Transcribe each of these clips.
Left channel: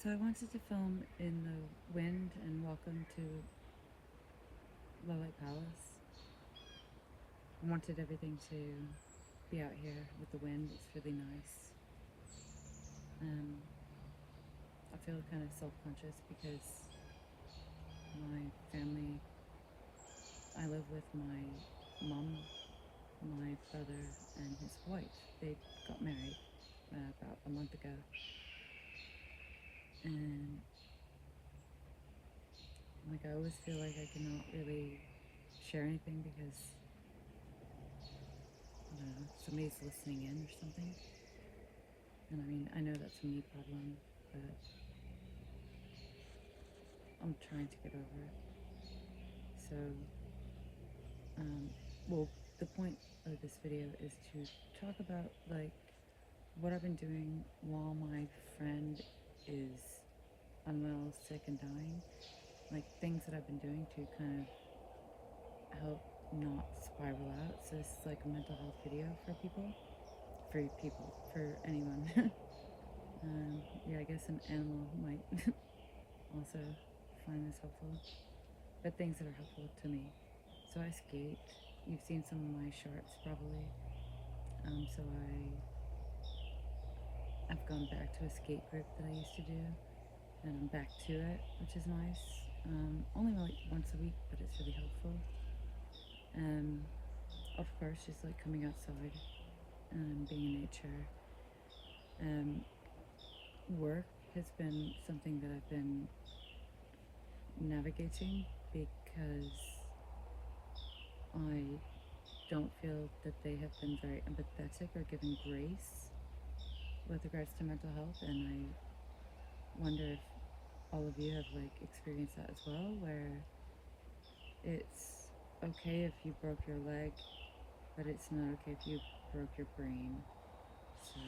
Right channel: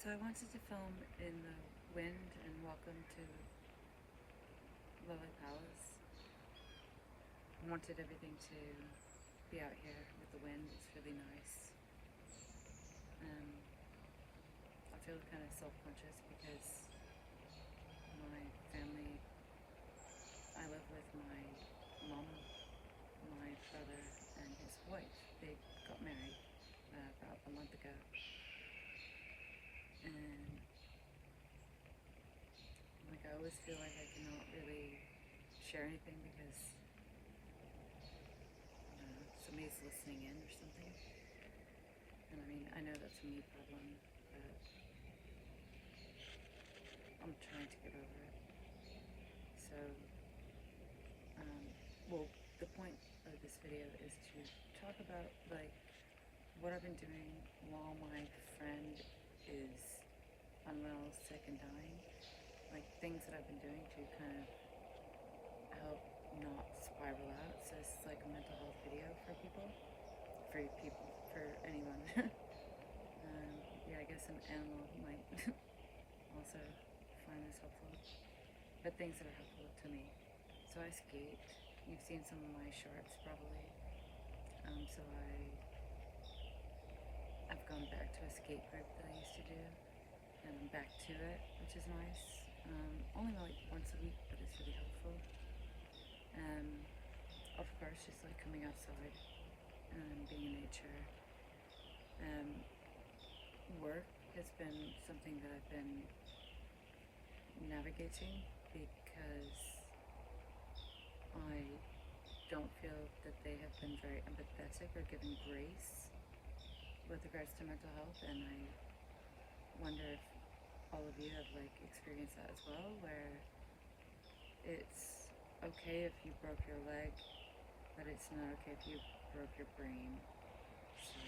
So I wanted to film in the wind and welcome to Lowlight Palace. I wanted everything to be out here with the wind. It's really nice. I feel kind of self-conscious because my family, I live with my mom, my brother, and his wife. They got married about a month ago. And like I always feel like I cannot really share anything because I don't know, somebody's listening in or something. And I mean, I know that's a me problem, but I'm trying to get over it. So, well, the point of this video is to talk about like what I've been doing while my friend is unwell, sick, and dying. Like things that I've been doing to kind of help not spiral out. So this is like a mental health video for people, for anyone. Yeah, I guess an animal might also find this helpful, but things that are helpful to me. So I skate. You've seen some of my shorts probably. So I've gone back to a skate group that I used to do, and I'm back to it, which is nice. Only like once a week, but it's really helpful. Of course, just like coming outside and being in nature. Work has been something that I've been navigating because I don't feel that they have been very empathetic or given grace with regards to mental health, and I wonder if all of you have like experienced that as well, where it's okay if you broke your leg, but it's not okay if you broke your brain. So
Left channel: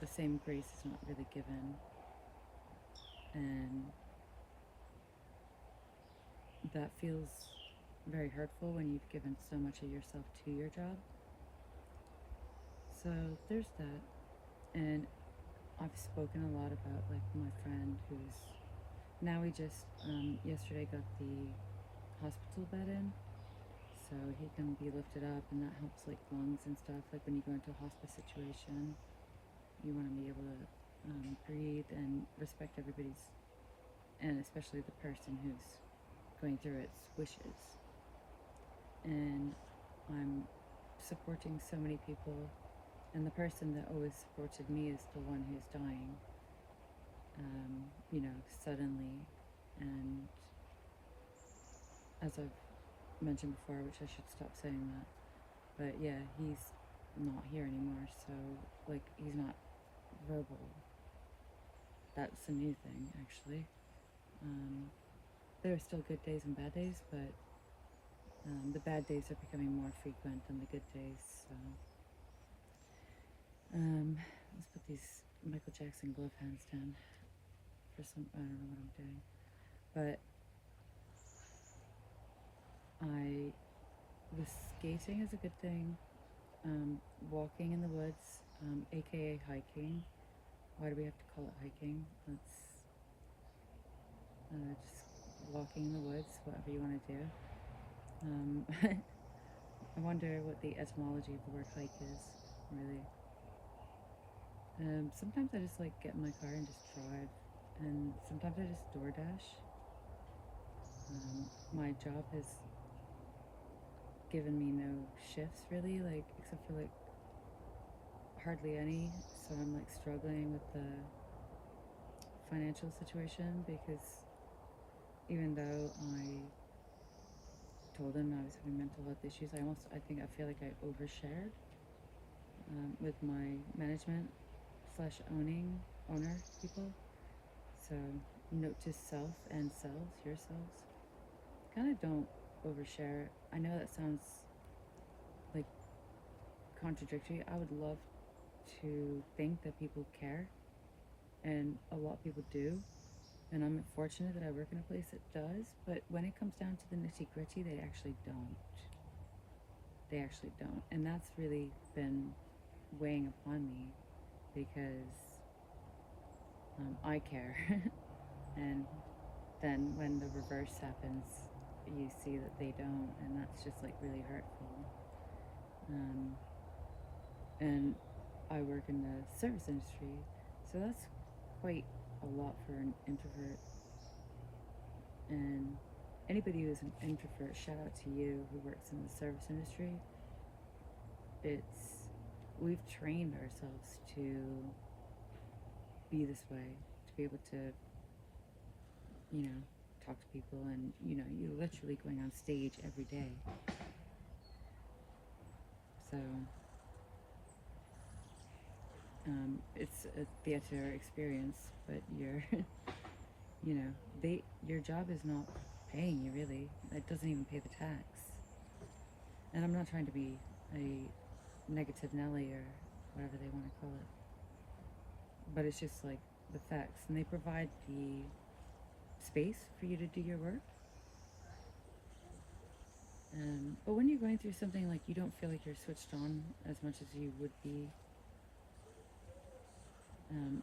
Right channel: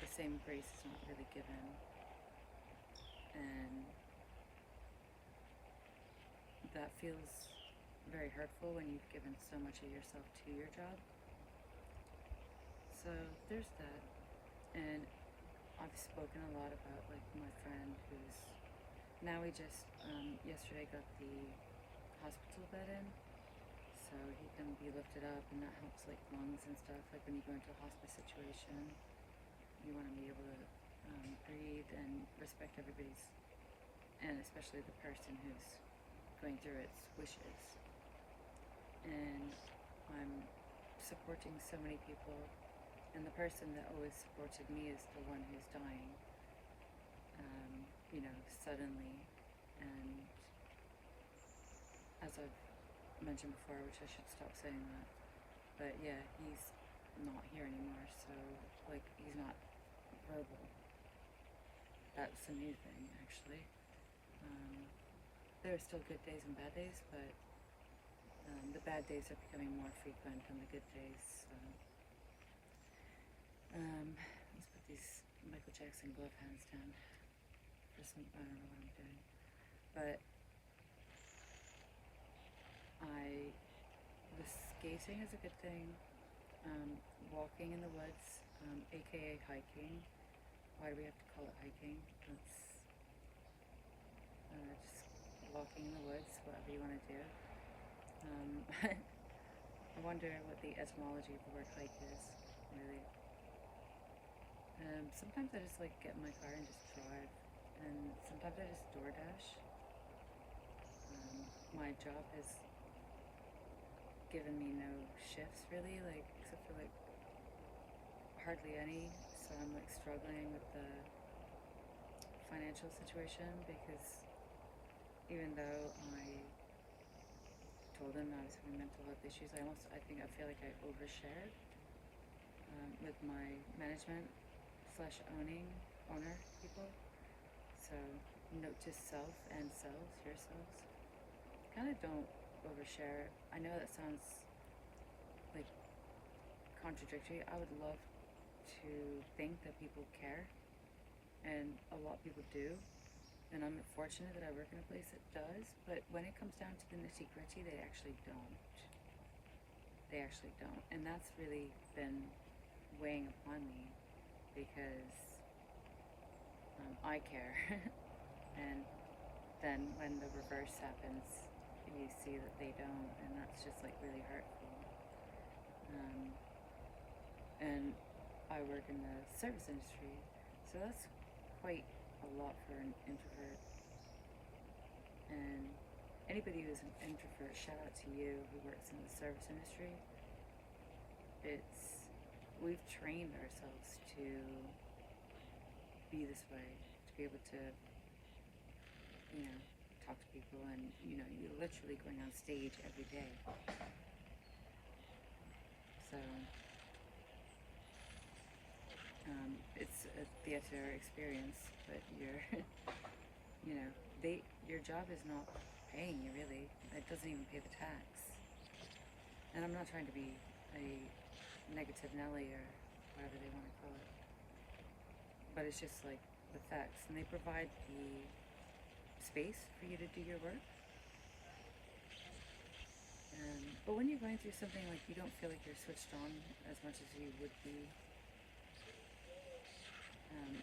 the same grace is not really given, and that feels very hurtful when you've given so much of yourself to your job. So there's that, and I've spoken a lot about like my friend who's now we just yesterday got the hospital bed in, so he can be lifted up, and that helps like lungs and stuff. Like when you go into a hospice situation, you want to be able to breathe and respect everybody's, and especially the person who's going through its wishes. And I'm supporting so many people, and the person that always supported me is the one who's dying, suddenly. And as I've mentioned before, which I should stop saying that, but yeah, he's not here anymore, so like he's not verbal. That's a new thing, actually. There are still good days and bad days, but the bad days are becoming more frequent than the good days. So let's put these Michael Jackson glove hands down for some, I don't know what I'm doing, but the skating is a good thing. Walking in the woods, aka hiking. Why do we have to call it hiking? That's just walking in the woods, whatever you want to do. I wonder what the etymology of the word hike is, really. Sometimes I just like get in my car and just drive, and sometimes I just DoorDash. My job has given me no shifts really, like except for like hardly any, so I'm like struggling with the financial situation because even though I told them I was having mental health issues, I feel like I overshared with my management slash owner people. So note to self and selves, yourselves, kind of don't overshare. I know that sounds like contradictory. I would love to think that people care, and a lot of people do, and I'm fortunate that I work in a place that does, but when it comes down to the nitty-gritty, they actually don't. And that's really been weighing upon me because I care. And then when the reverse happens, you see that they don't, and that's just like really hurtful. Um, and I work in the service industry, so that's quite a lot for an introvert. And anybody who's an introvert, shout out to you who works in the service industry. We've trained ourselves to be this way, to be able to, talk to people, and you're literally going on stage every day. So it's a theater experience, but your job is not paying you really. It doesn't even pay the tax. And I'm not trying to be a negative Nelly or whatever they want to call it, but it's just like the facts, and they provide the space for you to do your work. But when you're going through something, like, you don't feel like you're switched on as much as you would be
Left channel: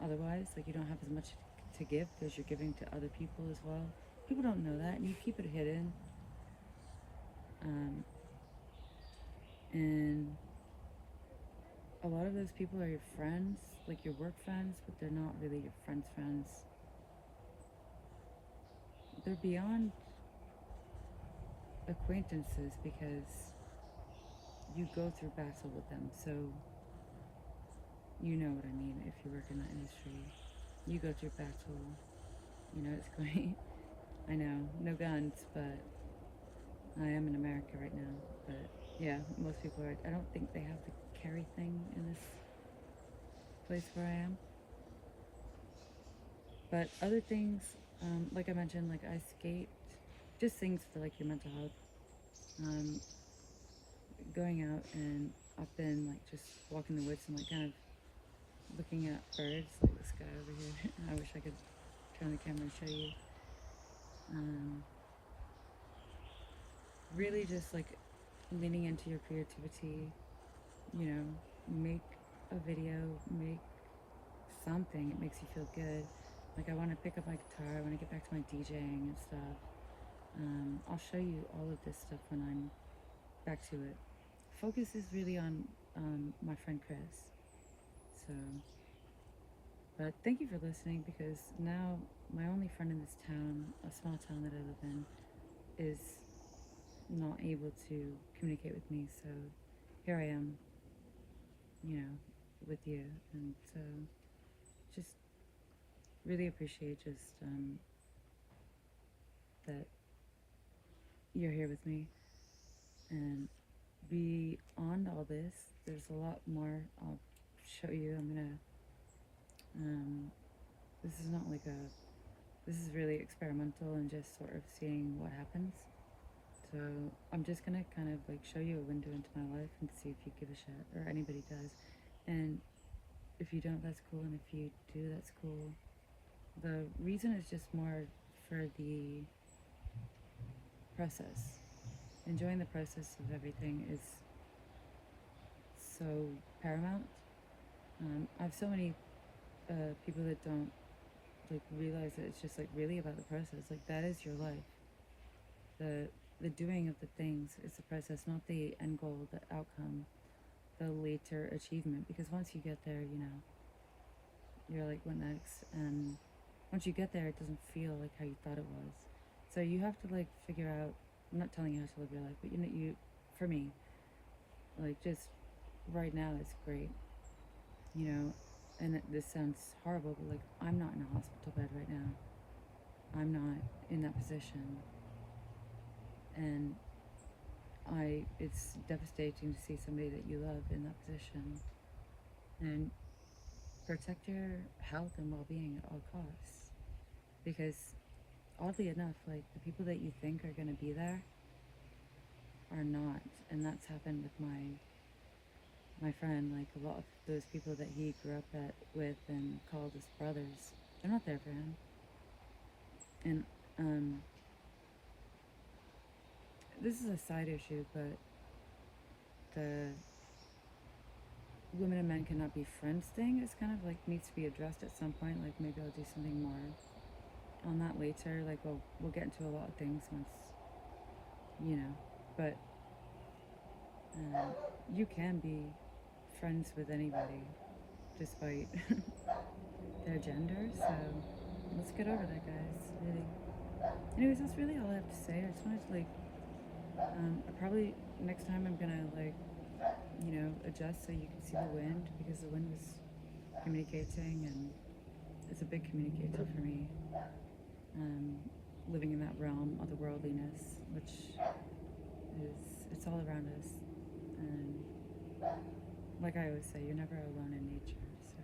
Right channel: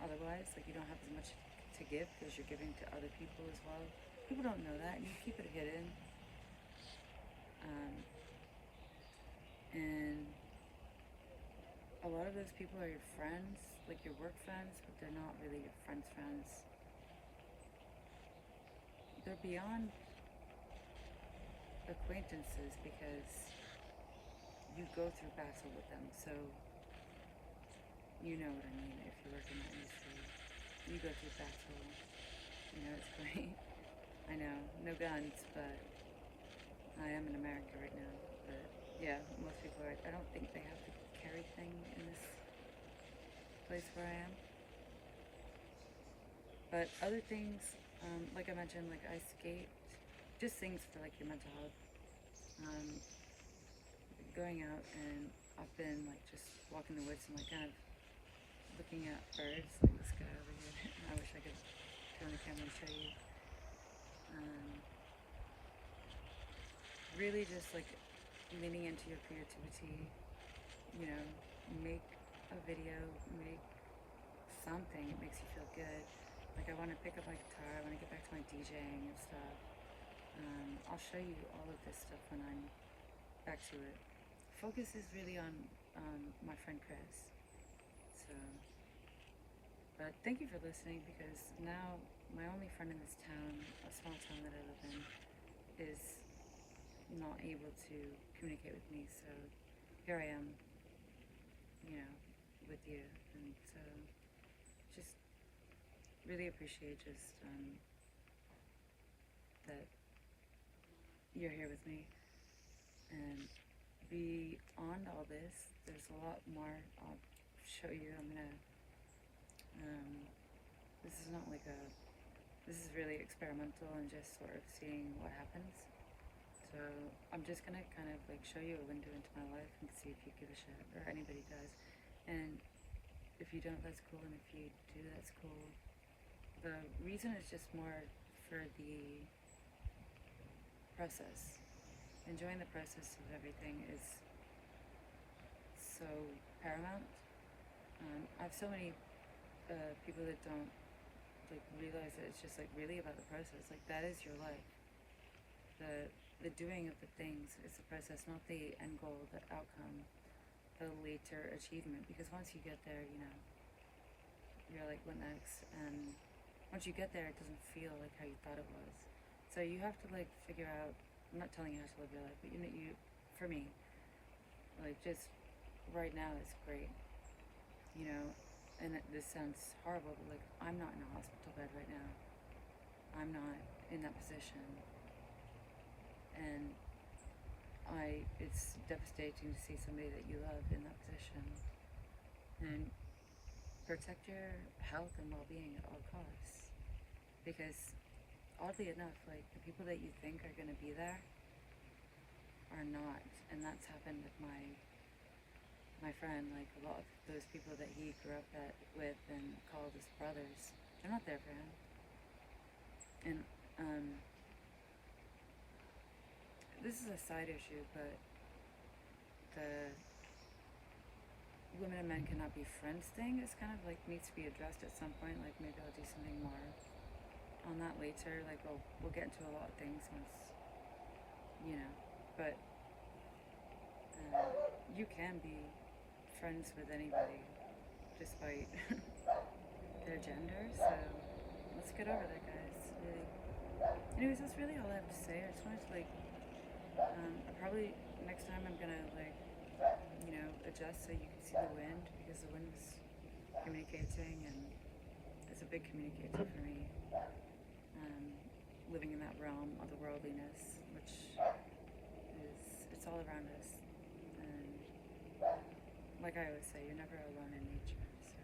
otherwise. Like, you don't have as much to give because you're giving to other people as well. People don't know that, and you keep it hidden. And a lot of those people are your friends, like your work friends, but they're not really your friends' friends. They're beyond acquaintances because you go through battle with them. So you know what I mean. If you work in that industry, you go through battle. It's great. I know, no guns, but I am in America right now. But yeah, most people are. I don't think they have the carry thing in this place where I am. But other things, like I mentioned, like I skate, just things for like your mental health. Going out, and I've been like just walking the woods and like kind of looking at birds, like this guy over here. I wish I could turn the camera and show you. Really just like leaning into your creativity, make a video, make something. It makes you feel good. Like, I want to pick up my guitar, I want to get back to my DJing and stuff. I'll show you all of this stuff when I'm back to it. Focus is really on my friend Chris. So, but thank you for listening, because now my only friend in this town, a small town that I live in, is not able to communicate with me. So here I am, with you. And so just really appreciate just that you're here with me. And beyond all this, there's a lot more I'll show you. This is not like this is really experimental and just sort of seeing what happens. So I'm just gonna kind of like show you a window into my life and see if you give a shit, or anybody does. And if you don't, that's cool. And if you do, that's cool. The reason is just more for the process. Enjoying the process of everything is so paramount. I have so many people that don't like realize that it's just like really about the process. Like, that is your life. The doing of the things is the process, not the end goal, the outcome, the later achievement. Because once you get there, you're like, what next? And once you get there, it doesn't feel like how you thought it was. So you have to like figure out. I'm not telling you how to live your life, but for me, like, just right now is great. And this sounds horrible, but like, I'm not in a hospital bed right now. I'm not in that position. And it's devastating to see somebody that you love in that position. And protect your health and well-being at all costs. Because oddly enough, like, the people that you think are going to be there are not. And that's happened with my friend. Like, a lot of those people that he grew up with and called his brothers, they're not there for him. And this is a side issue, but women and men cannot be friends thing is kind of like needs to be addressed at some point. Like maybe I'll do something more on that later. Like we'll get into a lot of things once, you know. But you can be friends with anybody despite their gender. So let's get over that, guys. Really. Anyways, that's really all I have to say. I just wanted to like, probably next time I'm gonna like, adjust so you can see the wind because the wind was communicating and it's a big communicator for me. Living in that realm of the worldliness, which it's all around us. And like I always say, you're never alone in nature. So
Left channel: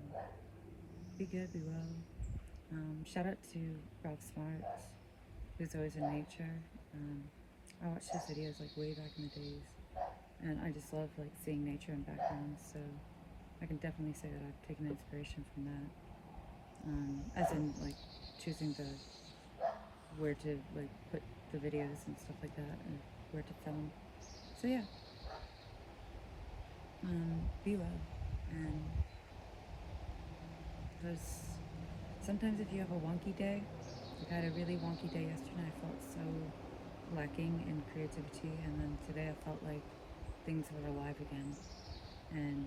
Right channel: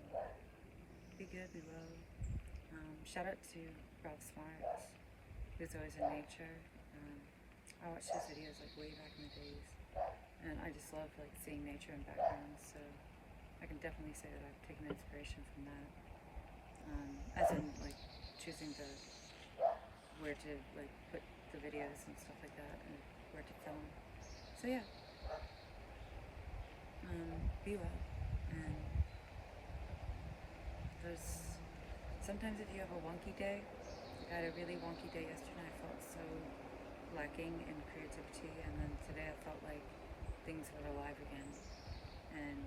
be good, be well. Shout out to Ralph Smart, who's always in nature. I watched his videos like way back in the days, and I just love like seeing nature in backgrounds. So I can definitely say that I've taken inspiration from that. As in like choosing where to like put the videos and stuff like that, and where to film. So yeah, be well. And there's sometimes if you have a wonky day, I had a really wonky day yesterday. I felt so lacking in creativity, and then today I felt like things were alive again. And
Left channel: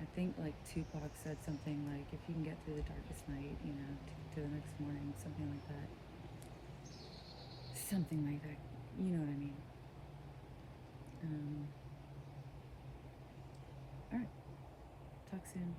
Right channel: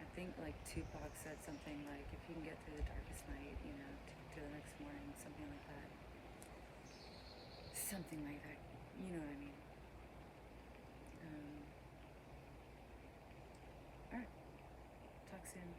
I think like Tupac said something like, if you can get through the darkest night, to the next morning, something like that. Something like that. You know what I mean. Alright. Talk soon.